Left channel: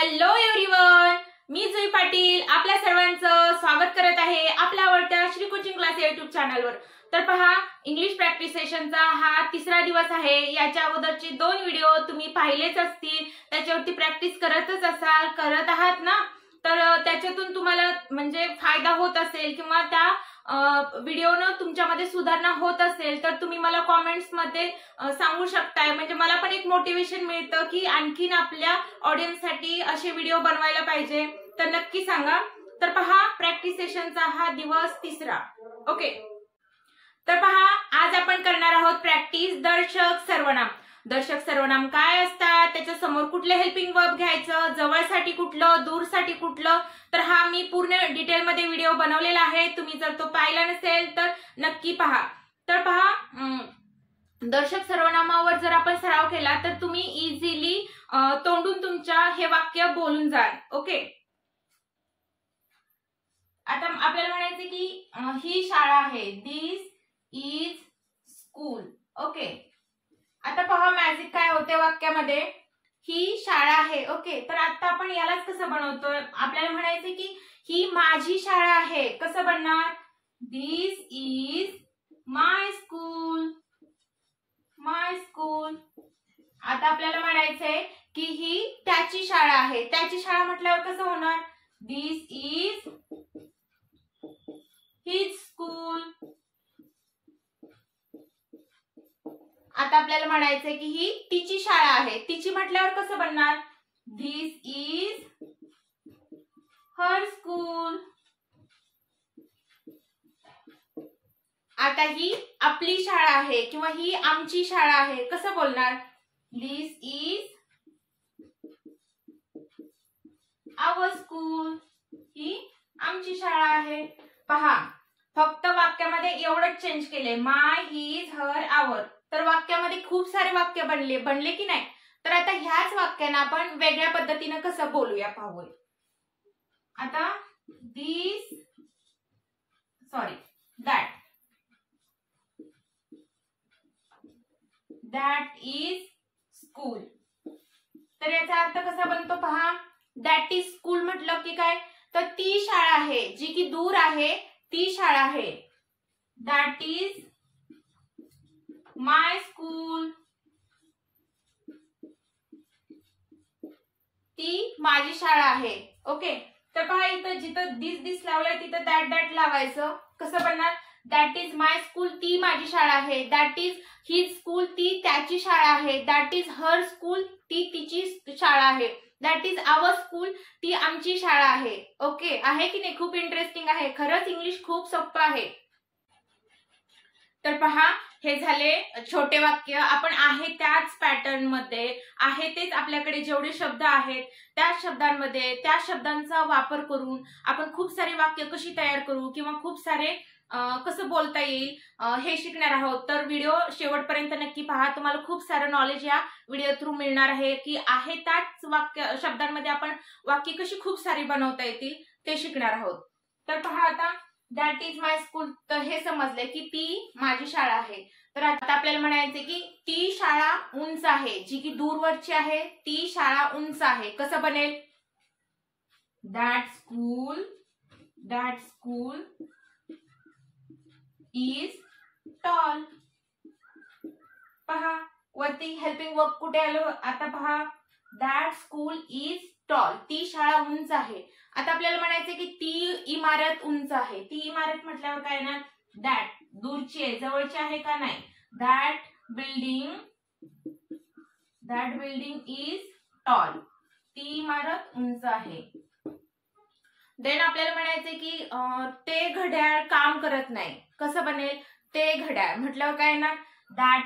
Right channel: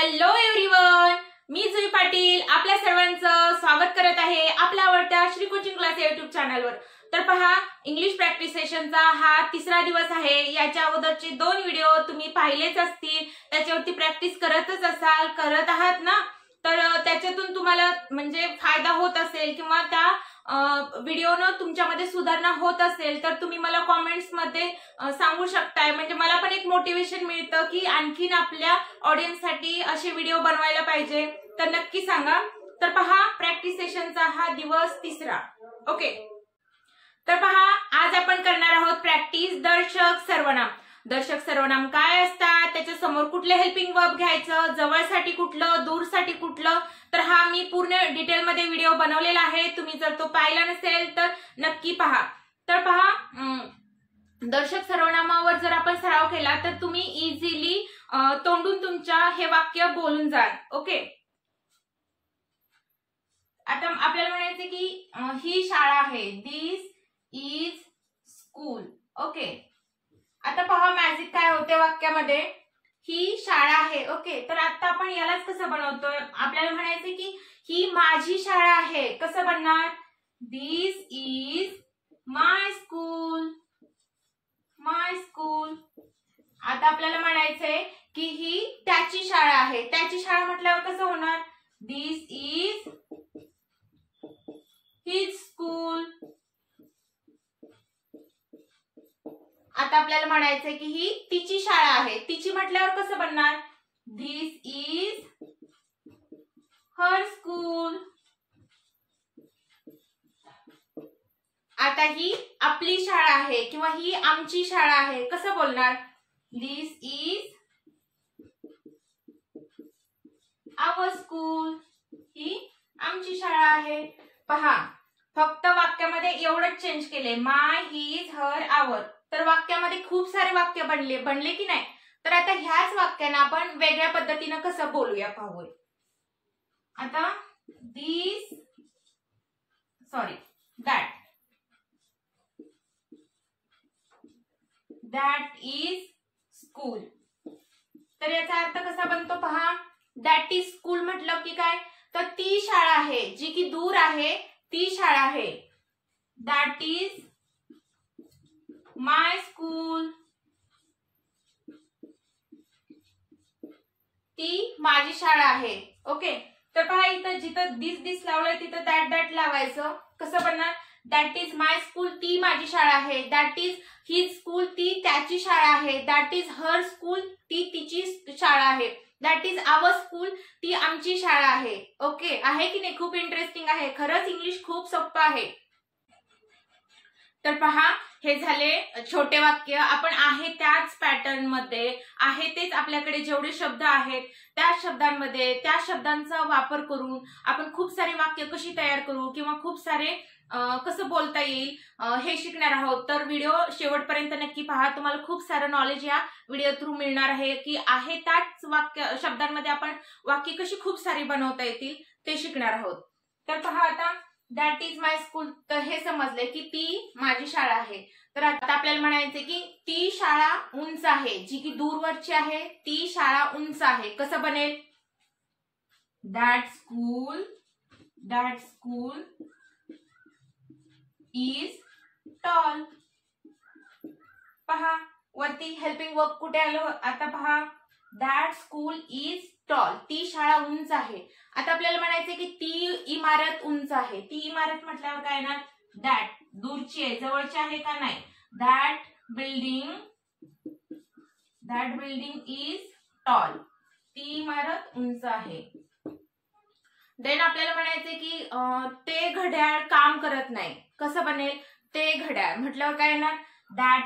Hello everyone, मी जुई पाटील आपल्या सर्वांचं स्वागत करत आहे आपल्या आवडत्या श्री कोचिंग क्लास यूट्यूब चॅनलवर। तर पहा, इंग्लिश प्रॅक्टिस सेशनचा हा तिसरा दिवस आहे। याच्या अगोदरचे 2 व्हिडिओ तुम्ही पाहिलेच असतील, त्याच्यावरती प्रॅक्टिस करतच असाल, करत आहात ना। तर त्याच्यातून तुम्हाला म्हणजे फायदा होत असेल किंवा त्या व्हिडिओनं तुमच्यामध्ये सुधारणा होत असेल तर तुम्ही मला कमेंट्स मध्ये सांगू शकताय। म्हणजे मला पण एक मोटिवेशन मिळतं की आणखीन आपल्या ऑडियन्स साठी असे व्हिडिओ बनवायला पाहिजे, तर नक्की सांगा। तर पहा, प्रॅक्टिस सेशनचा हा दिवस तिसरा। ओके, तर पहा, आज आपण करणार आहोत प्रॅक्टिस दर्शक सर्वनाम। दर्शक सर्वनाम काय असतात, त्याच्या समोर कुठले हेल्पिंग वर्ब घ्यायचं, जवळसाठी कुठलं, दूरसाठी कुठलं, तर हा मी पूर्ण डिटेल मध्ये व्हिडिओ बनवलेला आहे। तुम्ही जर तो पाहिला नसेल तर नक्की पहा। तर पहा, दर्शक सर्वनामावर जर आपण सराव केला तर तुम्ही इझिली तोंडून तुमच्या हे वाक्य बोलून जाल। ओके, आता आपल्याला म्हणायचे की ही शाळा आहे, दिस इज स्कूल। ओके, आता पहा मॅजिक काय होते वाक्यामध्ये, ही शाळा आहे। ओके, तर आता आपण यालाच कसं बनवतोय, आपल्याला म्हणायचे की ही माझी शाळा आहे, कसं बनणार, this is my school, my school. आता आपल्याला म्हणायचंय की ही त्याची शाळा आहे, त्याची शाळा म्हटल्यावर कसं होणार, दिस इज हिज स्कूल। आता आपल्याला म्हणायचंय की ही तिची शाळा आहे, तिची म्हटल्यावर कसं बनणार, दिस इज हर स्कूल। आता ही आपली शाळा आहे किंवा ही आमची शाळा आहे, कसं बोलणार, दिस इज आवर स्कूल, ही आमची शाळा आहे। पहा, फक्त वाक्यामध्ये एवढंच चेंज केले, माय, हिज, हर, आवर। तर वाक्यामध्ये खूप सारे वाक्य बनले की नाही। तर आता ह्याच वाक्यांना आपण वेगळ्या पद्धतीने कसं बोलूया पाहूया। आता दॅट इज स्कूल। तर याचा अर्थ कसा बनतो पहा, दॅट इज स्कूल म्हटलं की काय, तर ती शाळा आहे जी की दूर आहे, ती शाळा आहे। दॅट इज माय स्कूल, ती माझी शाळा आहे। ओके, तर पहा इथं जिथं दिस लावलंय तिथं दॅट लावायचं, कसं बनणार, दॅट इज माय स्कूल, ती माझी शाळा आहे। दॅट इज हिज स्कूल, ती त्याची शाळा आहे। दॅट इज हर स्कूल, ती तिची शाळा आहे। दॅट इज आवर स्कूल, ती आमची शाळा आहे। ओके, आहे की नाही, खूप इंटरेस्टिंग आहे, खरंच इंग्लिश खूप सोपं आहे। तर पहा, हे झाले छोटे वाक्य। आपण आहे त्याच पॅटर्न मध्ये, आहे तेच आपल्याकडे जेवढे शब्द आहेत त्या शब्दांमध्ये, त्या शब्दांचा वापर करून आपण खूप सारे वाक्य कशी तयार करू किंवा खूप सारे कसं बोलता येईल हे शिकणार आहोत। तर व्हिडिओ शेवटपर्यंत नक्की पहा, तुम्हाला खूप सारं नॉलेज या व्हिडिओ थ्रू मिळणार आहे की आहे त्याच शब्दांमध्ये आपण वाक्य कशी खूप सारी बनवता येतील ते शिकणार आहोत। तर पहा, आता दॅट इज माय स्कूल, तर हे समजले की ती माझी शाळा आहे। तर आता आपल्याला म्हणायचे की ती शाळा उंच आहे, जी की दूरवरची आहे, ती शाळा उंच आहे, कसं बनेल, दॅट स्कूल इज टॉल। पहा, वरती हेल्पिंग वर्ब कुठे आलं, आता पहा, दॅट स्कूल इज टॉल, ती शाळा उंच आहे। आता आपल्याला म्हणायचे की ती इमारत उंच आहे, ती इमारत म्हटल्यावर काय ना, दॅट दूरची आहे, जवळची आहे का नाही, दॅट बिल्डिंग इज टॉल, ती इमारत उंच आहे। देन आपल्याला म्हणायचे की ते घड्याळ काम करत नाही, कसं बनेल, ते घड्याळ म्हटल्यावर काय ना, दॅट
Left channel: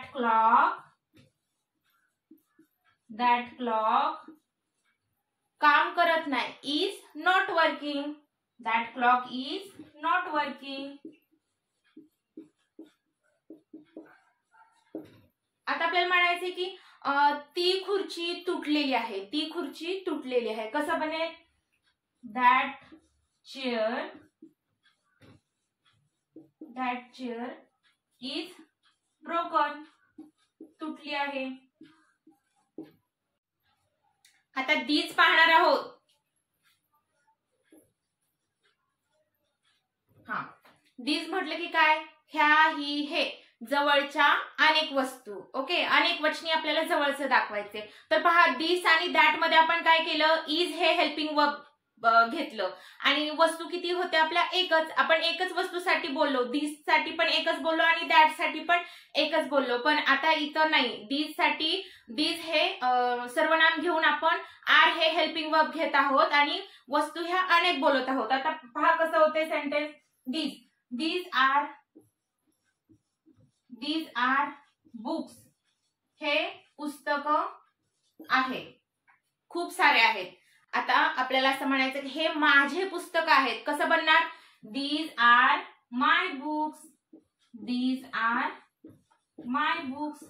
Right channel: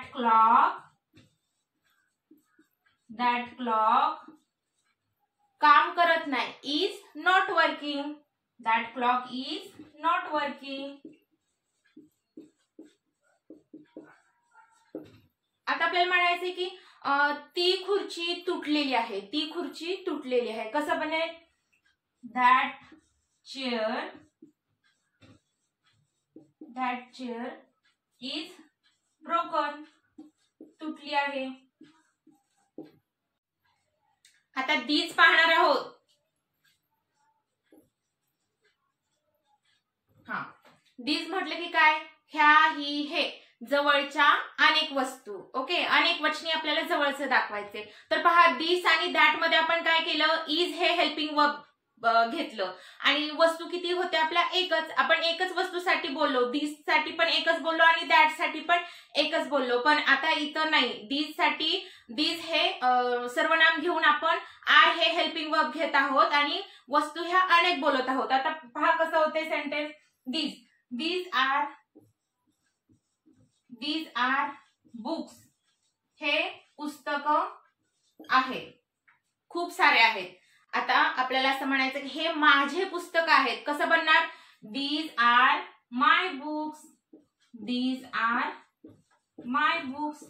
क्लॉक काम करत नाही, is not working, that clock is not working. आता आपल्याला म्हणायचे की ती खुर्ची तुटलेली आहे, ती खुर्ची तुटलेली आहे, कसं बनेल, दॅट चेअर इज ब्रोकन, तुटली आहे। आता these पाहणार आहोत. हा, these म्हटलं की काय, ह्या ही हे जवळच्या अनेक वस्तू. ओके, अनेक वचनी आपल्याला जवळचं दाखवायचे. तर पहा, दिस आणि दॅट मध्ये आपण काय केलं, इज हे हेल्पिंग वर्ब घेतलं आणि वस्तू किती होत्या आपल्या, एकच. आपण एकच वस्तूसाठी बोललो, दिस साठी पण एकच बोललो आणि दॅट साठी पण एकच बोललो. पण आता इथं नाही, दिस साठी दिस हे सर्वनाम घेऊन आपण आर हे हेल्पिंग वर्ब घेत आहोत आणि वस्तू ह्या अनेक बोलत आहोत. आता पहा कसं होते सेंटेन्स. these are books. हे पुस्तक आहे, खूप सारे आहेत. आता आपल्याला असं म्हणायचं की हे माझे पुस्तक आहेत. कसं बनणार, these are my books. these are my books.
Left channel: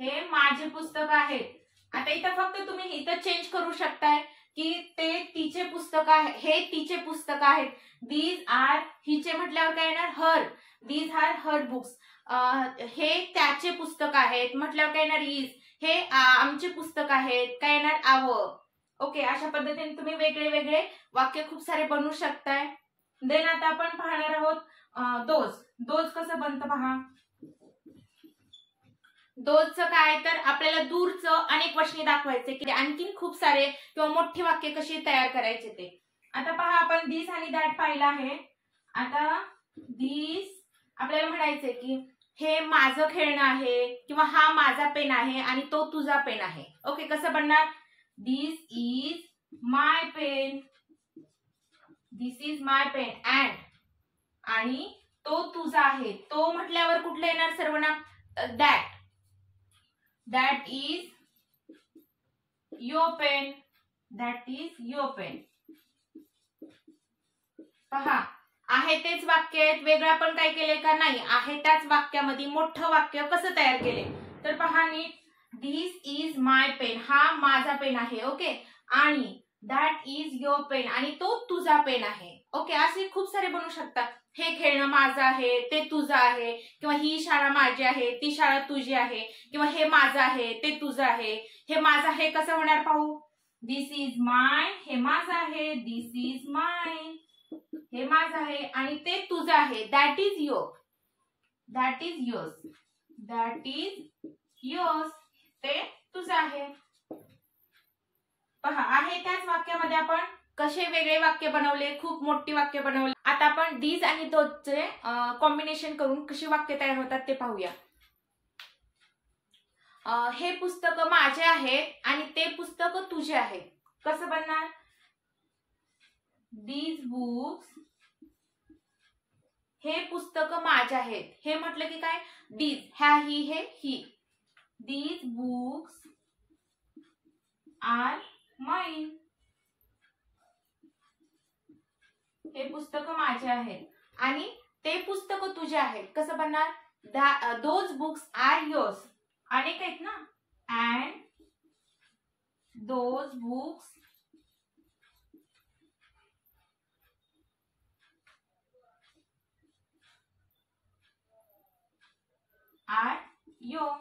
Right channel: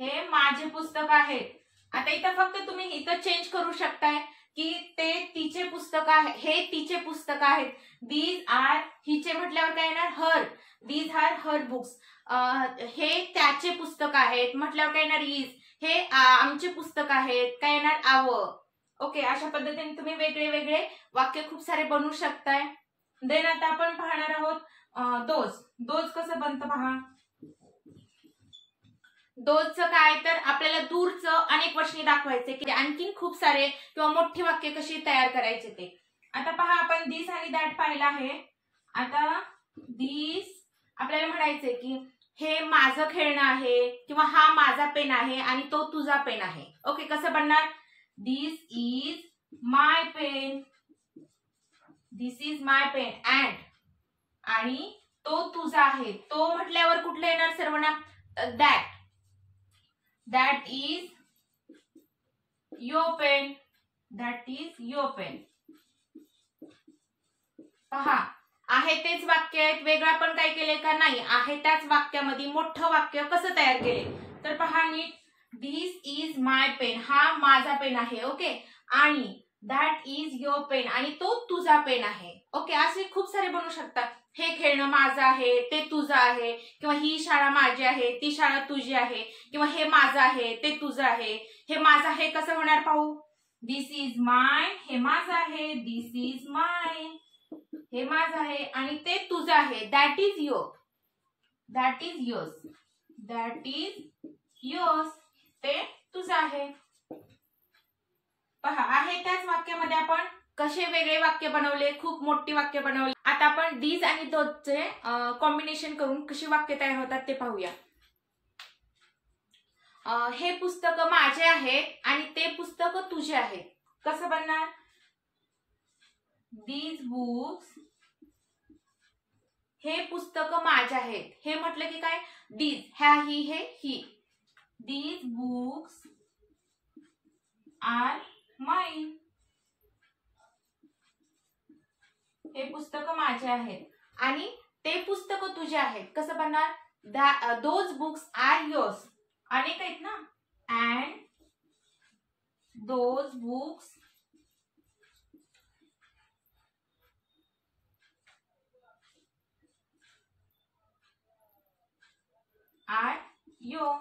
हे माझे पुस्तक आहेत. आता इथं फक्त तुम्ही इथं चेंज करू शकताय की ते तिचे पुस्तक आहे, हे तिचे पुस्तक आहेत. these are हिचे म्हटल्यावर काय येणार, हर. these are her books. हे त्याचे पुस्तक आहेत म्हटल्यावर काय येणार, इज. हे आमचे पुस्तक आहेत, काय येणार, आवर. ओके, अशा पद्धतीने तुम्ही वेगळे वेगळे वाक्य खूप सारे बनवू शकताय. देन आता आपण पाहणार आहोत दोज कसं बनतं पहा. दोजचं काय, तर आपल्याला दूरचं अनेक वचने दाखवायचे की आणखीन खूप सारे किंवा मोठी वाक्य कशी तयार करायचे ते. आता पहा, आपण दिस आणि दॅट पाहिलं आहे. आता दिस आपल्याला म्हणायचंय की हे माझं खेळणं आहे किंवा हा माझा पेन आहे आणि तो तुझा पेन आहे. ओके, कसं बनणार, this is my pen. This is my pen and, आणि तो तुझा आहे. तो म्हटल्यावर कुठलं येणार सर्वनाम, that. That is your pen. That is your pen. पहा, आहे तेच वाक्य आहेत, वेगळं आपण काय केले का नाही, आहे त्याच वाक्यामध्ये मोठं वाक्य कसं तयार केले. तर पहा नीट, दिस इज माय पेन, हा माझा पेन आहे. ओके, आणि दॅट इज युअर पेन, आणि तो तुझा पेन आहे. ओके, असे खूप सारे बनवू शकतात. हे खेळणं माझं आहे, ते तुझं आहे, किंवा ही शाळा माझी आहे, ती शाळा तुझी आहे, किंवा हे माझं आहे, ते तुझं आहे. हे माझं आहे कसं होणार पाहू, दिस इज माय, हे माझं आहे, दिस इज माय, हे माझं आहे, आणि ते तुझं आहे, that is your. That is yours. That is yours, ते तुझं आहे. पहा, आहे त्याच वाक्यामध्ये आपण कसे वेगळे वाक्य बनवले, खूप मोठी वाक्य बनवले. आता आपण दीज आणि दोजचे कॉम्बिनेशन करून कशी वाक्य तयार होतात ते पाहूया. हे पुस्तक माझे आहेत आणि ते पुस्तक तुझे आहेत. कसं बनणार, दीज बुक्स, हे पुस्तक माझे आहेत. हे म्हटलं की काय, दीज, ह्या ही हे ही. These books are mine. हे पुस्तक माझे आहेत आणि ते पुस्तक तुझे आहेत. कसं बनणार, दोज बुक्स आर योर्स. अनेक आहेत ना, and those books are your.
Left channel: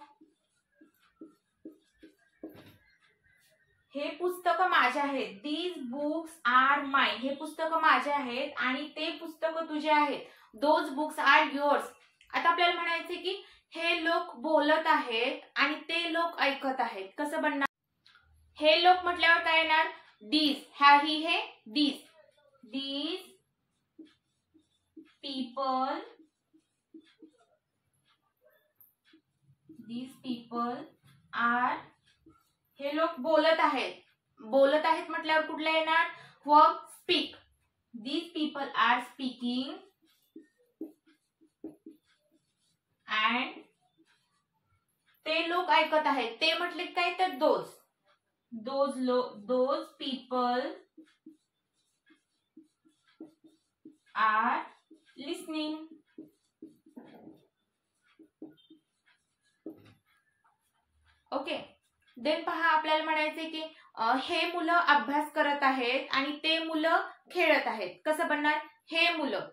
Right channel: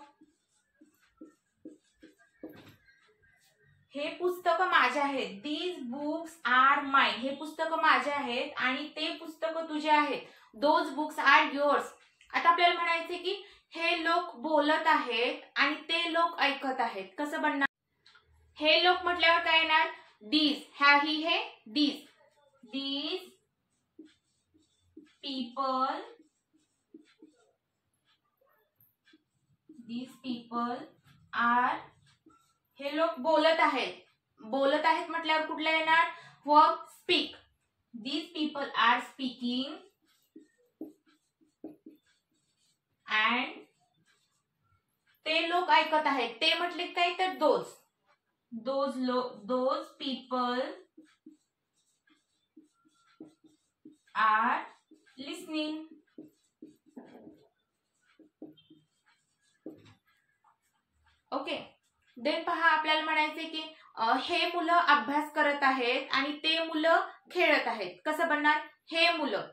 हे पुस्तक माझे आहेत. These books are mine. हे पुस्तक माझे आहेत आणि ते पुस्तक तुझे आहेत. Those books are yours. आता आपल्याला म्हणायचे की हे लोक बोलत आहेत आणि ते लोक ऐकत आहेत. कसं बनणार, हे लोक म्हटल्यावर काय येणार, दीज, ह्या ही हे these. These people, these people are, हे लोक बोलत आहेत. बोलत आहेत म्हटल्यावर कुठला येणार, verb speak. These people are speaking and ते लोक ऐकत आहेत. ते म्हटले काय, तर those. Those people are listening. Okay, then पहा, आपल्याला म्हणायचे की हे मुलं अभ्यास करत आहेत आणि ते मुलं खेळत आहेत. कसं बनणार, हे मुलं,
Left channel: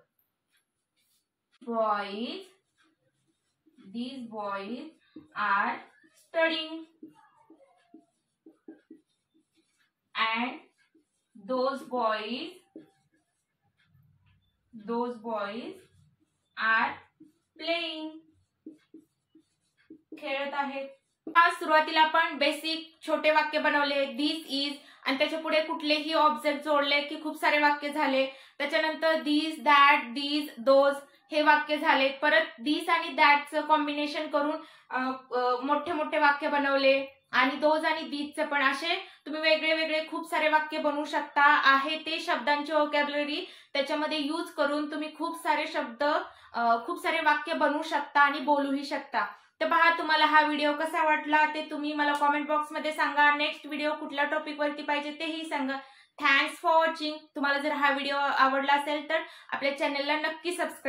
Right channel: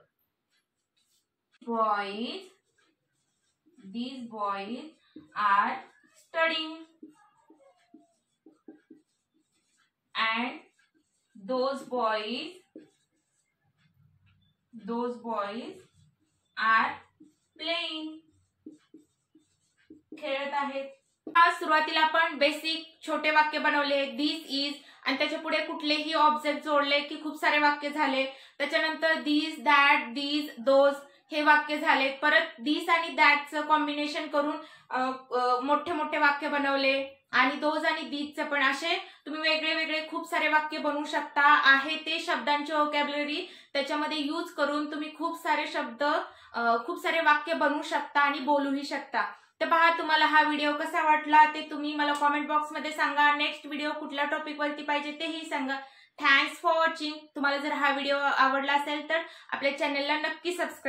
boys, these boys are studying. and those boys are playing. खेळत आहेत. सुरुवातीला आपण बेसिक छोटे वाक्य बनवले, दिस इज, आणि त्याच्या पुढे कुठलेही ऑब्जेक्ट जोडले की खूप सारे वाक्य झाले. त्याच्यानंतर दिस, दॅट, दीज, दोज हे वाक्य झाले. परत दिस आणि दॅटचं कॉम्बिनेशन करून मोठे मोठे वाक्य बनवले, आणि दोज आणि दीजचे पण असे तुम्ही वेगळे वेगळे खूप सारे वाक्य बनवू शकता. आहे ते शब्दांची व्होकॅब्युलरी त्याच्यामध्ये यूज करून तुम्ही खूप सारे शब्द, खूप सारे वाक्य बनवू शकता आणि बोलूही शकता. तर पहा, तुम्हाला हा व्हिडिओ कसा वाटला ते तुम्ही मला कॉमेंट बॉक्समध्ये सांगा. नेक्स्ट व्हिडिओ कुठल्या टॉपिक वरती पाहिजे तेही सांगा. Thanks for watching. तुम्हाला जर हा व्हिडिओ आवडला असेल तर आपल्या चॅनलला नक्की सबस्क्राईब